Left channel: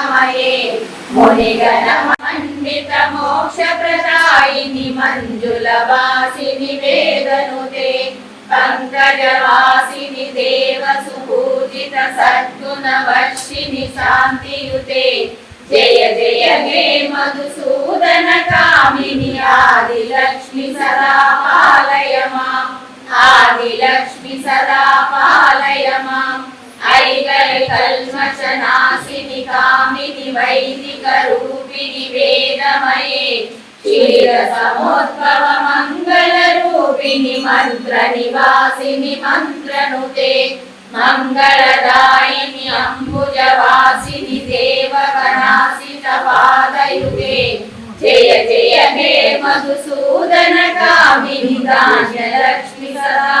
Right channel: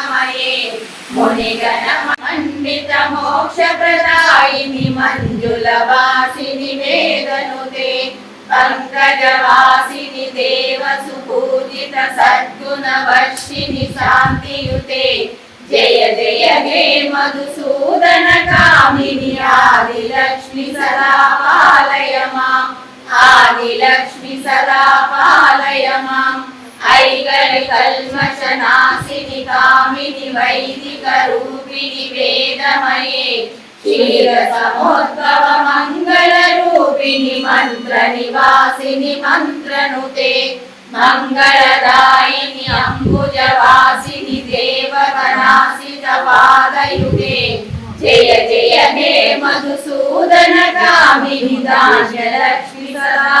కరుణామయే మునిగణ మండిత మోక్ష మంజుల వాసిని వేదనుతే. పంకజవాసిని దేవ సుపూజిత సద్గుణ వర్షిని శాంతియుతే. జయ జయ గే మధుసూదన కామిని ఆది లక్ష్మి సదా పాలయ మాం ఆది లక్ష్మి సదా పాలయ మాం ఐగరి కల్మష నాశిని కామిని వైదిక రూపిణి వేదమయే. క్షీర మంగళ రూపిణి మంత్ర నివాసిని మంత్రనుతే. మంగళదాయిని పాదయుతే జయ జయ హే మధుసూదన కామిని సదా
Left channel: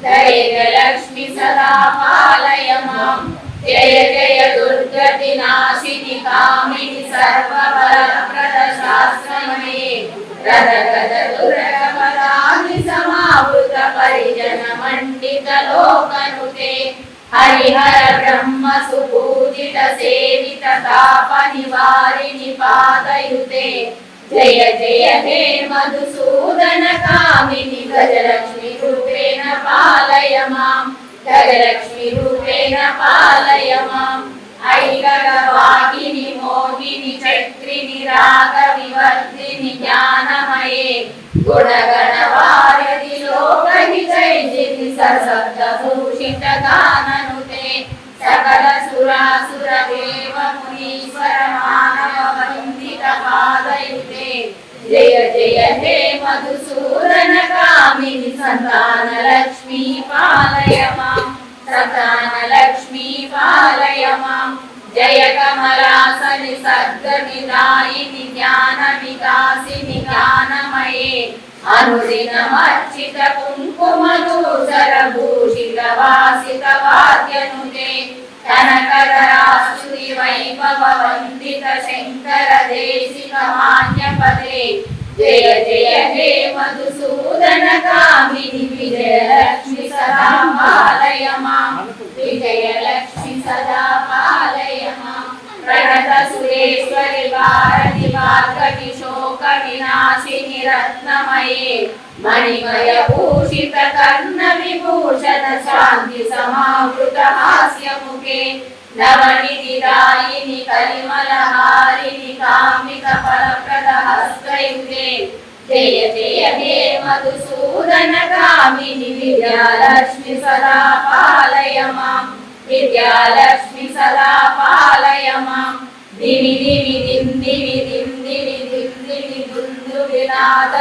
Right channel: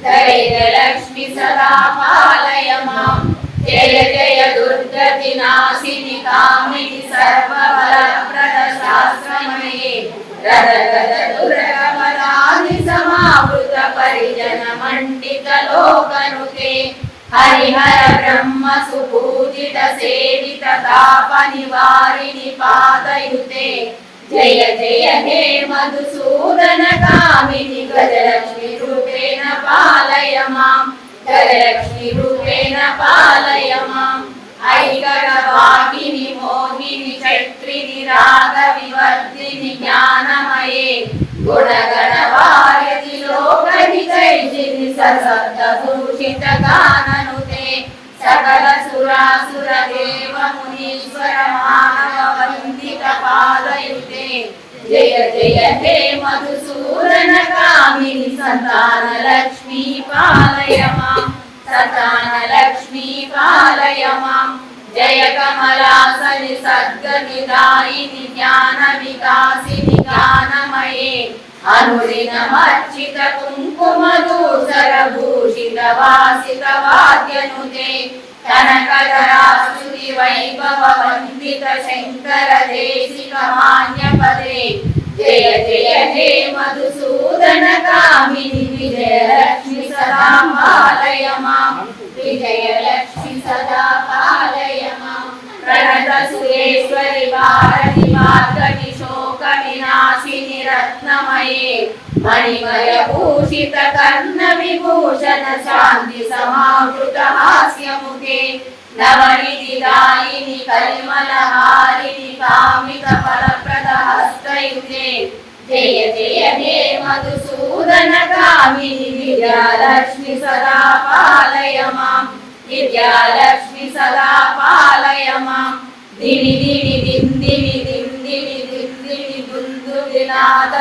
వైష్ణవి భాగవి మాం జయ జయ దుర్గతి నాశిని కామిని సర్వబలప్రద శాస్త్రమయే సమావృత పరిజన మండిత లోకనుతే హరిహర బ్రహ్మ సుపూజిత సేవిత తాప నివారిని పాదయుతే జయ జయ హే మధుసూదన కామిని గజలక్ష్మి రూపేణ పాలయ మాం గజలక్ష్మి రూపేణ పాలయ మాం ఐకర వాహిని మోహిని చక్రిని రాగ వివర్ధిని జ్ఞానమయే. గుణగణ వారధి లోకని విజయిని సశబ్ద భూషిత గాననుతే. సకల సురాసుర దేవ మునీశ్వర మానవ వందిత పాలయుతే జయ జయ హే మధుసూదన కామిని సంతాన లక్ష్మీ పాలయ మాం సంతాన లక్ష్మీ పాలయ మాం జయ కమలాసని సద్గతి దాయిని జ్ఞాన వికాసిని జ్ఞానమయే. అనుదినమర్చిత కుంకుమ దూసర భూషిత వాసిత వాద్యనుతే కనకరాస్తుతి వైభవ వందిత శంకర దేశిక మాన్యపదే జయ జయ హే మధుసూదన కామిని విజయలక్ష్మి సదా పాలయ మాం విజయలక్ష్మి సదా పాలయ మాం ప్రణత సురేశ్వరి భారతి శోక వినాశిని రత్నమయే మణిమయ భూషిత కర్ణ విభూషణ శాంతి సమావృత హాస్యముఖే నవనిధి దాయిని కలిమల హారిణి కామిత ఫలప్రద హస్తయుతే జయ జయ హే మధుసూదన కామిని విద్యాలక్ష్మి సదా పాలయ మాం విద్యాలక్ష్మి సదా పాలయ మాం దివి దివి దిం దివి దిం దివి దిం దివి దుందు వినాద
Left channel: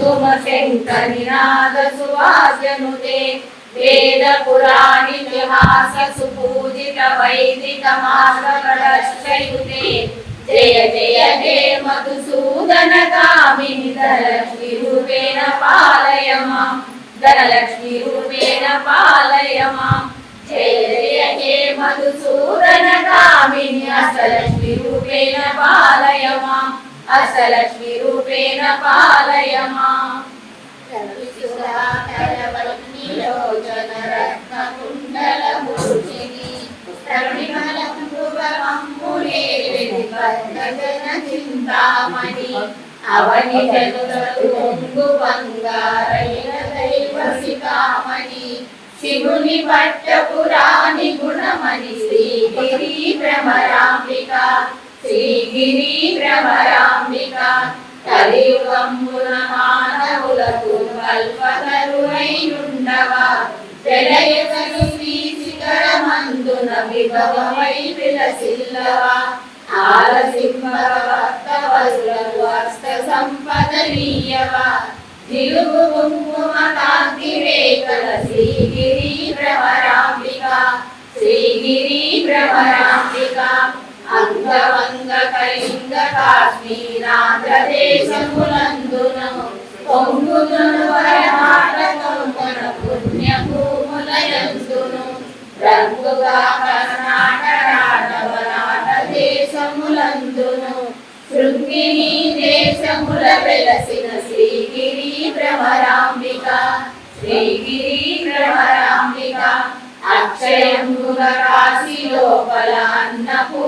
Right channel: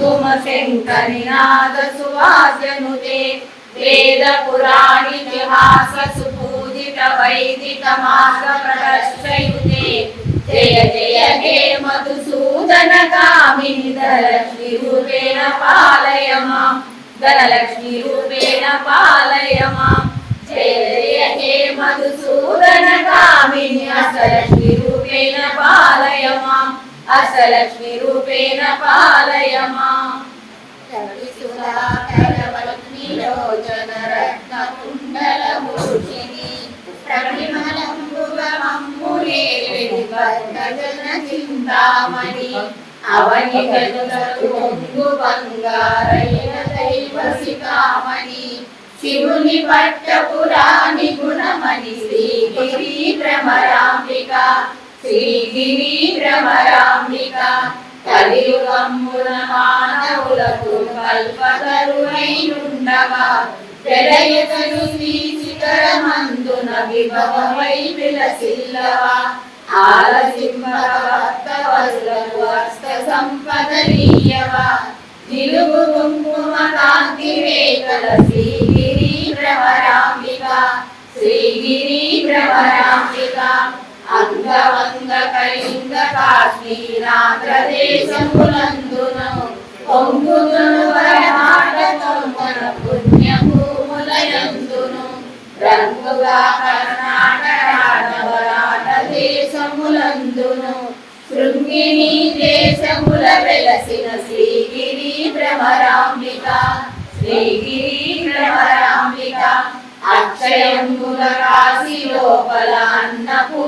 సంపూర్ణమయే గుమ గుమ గుంగుమ శంకరినాద సువాసనుతే వేద పురాణి విహాస సుపూజిత వైదిక మాస ప్రదర్శయుతే జయ జయ హే మధుసూదన కామిని ధనలక్ష్మి రూపేణ పాలయ మాం ధనలక్ష్మి రూపేణ పాలయ మాం జయ జయ హే మధుసూదన కామిని అసలక్ష్మి రూపేణ పాలయ అసలక్ష్మి రూపేణ పాలయ చింతామణి అవని గదులు బంగారైన దైవ సీతామణి శివుని పట్టపురాణి గుణమణి శ్రీగిరి భ్రమరాంబిక శ్రీగిరి భ్రమరాంబిక మానవులకు కల్పతరువైనుండవా ప్రళయతను శ్రీ శిఖరమందున విభవమై విలసిల్లవా ఆలసింపవస్తవరులకు హస్త సంపదలీయవా నిలుగు కుంకుమ కాంతి శ్రీగిరి భ్రమరాంబిక శ్రీగిరి అంగవంగ కళింగ కాశ్మీరాంధ్రదేశములందున పొంగును వరమాట తొమ్మన పుణ్యభూములయందును. రంగుగా కర్ణాటక దేశములందును. శృంగిని దేశముల వెలసిన శ్రీగిరి భ్రమరాంబిక శ్రీగిరి భ్రమరాంబిక అక్షయముల కాశీ లోపల అన్నపూ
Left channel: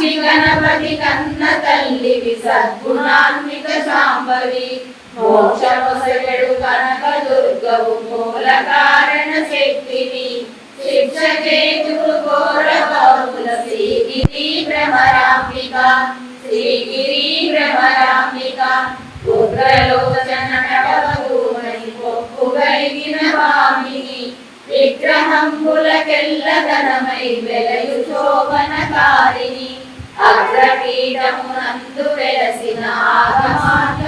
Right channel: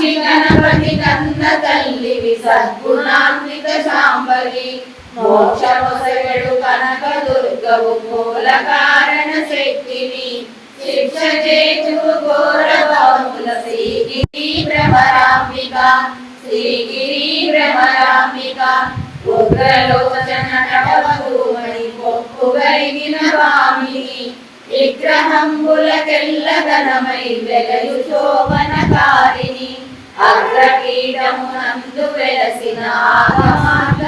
సాక్షి గణపతి కన్న తల్లివి సద్గుణాన్విత శాంబవి మోక్షమొసగడు కనక దుర్గవు మూల కారణ శక్తిని. శిక్ష చేతులు ఘోరవముల శ్రీగిరి భ్రమరాంబిక శ్రీగిరి భ్రమరాంబిక. ఉగ్రలోచన కటవధూమని పొప్పు కలిగిన వామిని విగ్రహంబులకెల్ల ఘనమై వెలయు శోభనకారిణి అగ్రపీఠమునందు వెలసిన ఆగమార్గ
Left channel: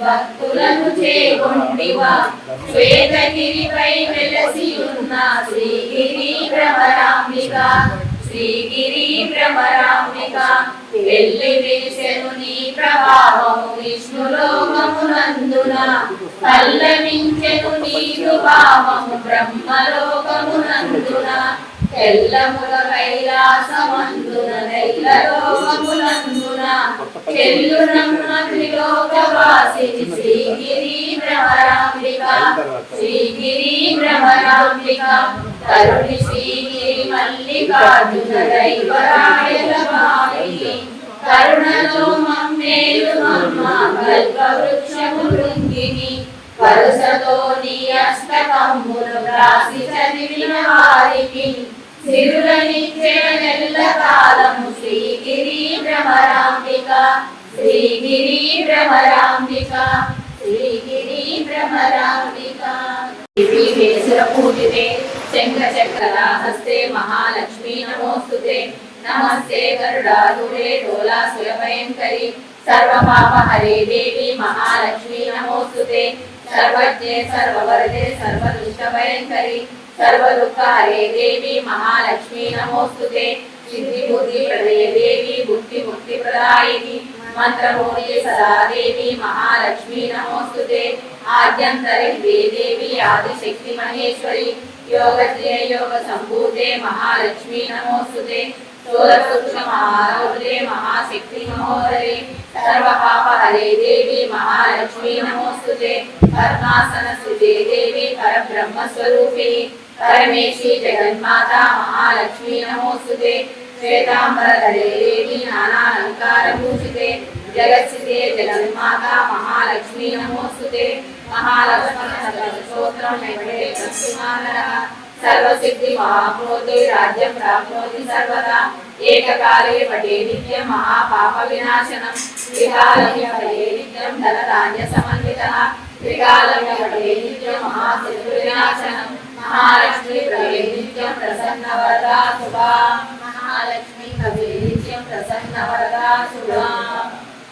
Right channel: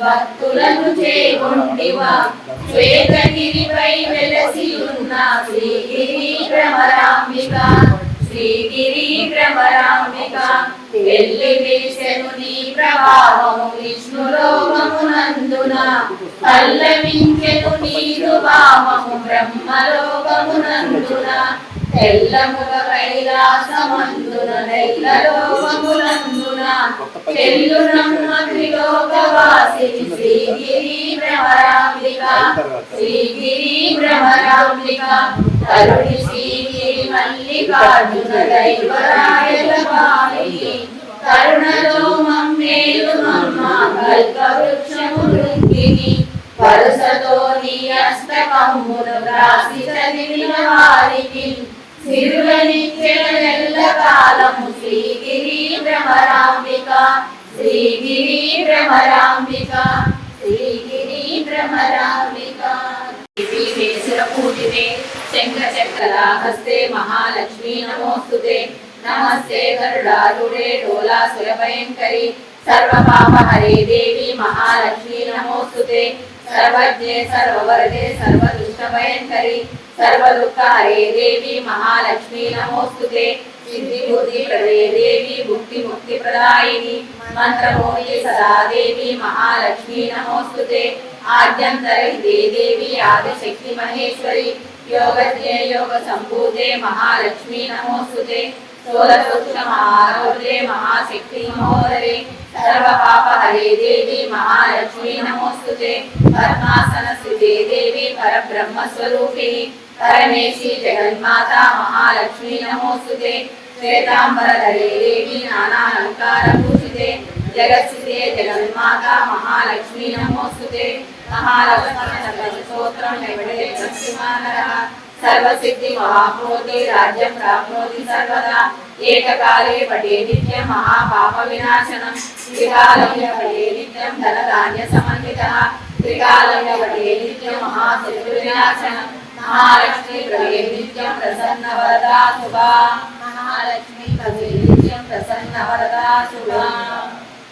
భక్తులను చేకొంటివా శ్వేతగిరిపై వెలసి ఉన్న శ్రీగిరి భ్రమరాంబిక శ్రీగిరి భ్రమరాంబిక. వెళ్ళి నీ పల్లవించెను నీరు భావము తెల్లముల కైలాసమందున చెల్లునమ్మ శ్రీగిరి భ్రమరాంబిక శ్రీగిరి భ్రమరాంబిక కరుణి శ్రీగిరి మల్లికార్జున దైవరాయ శంకర కరుణలో చక్ర హస్తే మహాలక్ష్మీ నమోస్తుతే నమస్తే గరుడారుడే డోలా భయంకరి సర్వపాప హరే దేవి మహాలక్ష్మీ నమోస్తుతే సర్వజ్ఞే సర్వవరదే సర్వ దుష్ట సర్వ దుఃఖ హరే దేవి మహాలక్ష్మీ నమోస్తుతే సిద్ధి బుద్ధి ప్రదయ దేవి ముక్తి ముక్తి ప్రదాయిని మంత్రమూర్తి సదాదేవి మహాలక్ష్మీ నమోస్తుతే ఆద్యంతరి దేవి ఆదిశక్తి మహేశ్వరి యోగజ్ఞే యోగ సంభూతే మహాలక్ష్మీ నమోస్తుతే స్థూలపురుష మహారౌద్రే మహాశక్తి మహోదరే సర్వ పాప హరే దేవి మహాలక్ష్మీ నమోస్తుతే పద్మాసన సుజే దేవి పరబ్రహ్మ స్వరూపిణి పరమేశి జగన్మాత మహాలక్ష్మీ నమోస్తుతే శ్వేతాంబరధరే దేవి నానాలంకార పూజితే జగత్సితే జగన్మాత మహాలక్ష్మీ सर्वसिद्धि महाभूते राज्यं प्राप्नोति सर्वदा एककाले पठे नित्यं महापापविनाशनं त्रिकालं पठे नित्यं धनधान्यसमन्वितः त्रिकालं पठे नित्यं महाशत्रुविनाशनं महालक्ष्मी प्रभे नित्यं प्रसन्नवरदा शुभा महालक्ष्मी प्रभे नित्यं प्रसन्नवरदा शुभा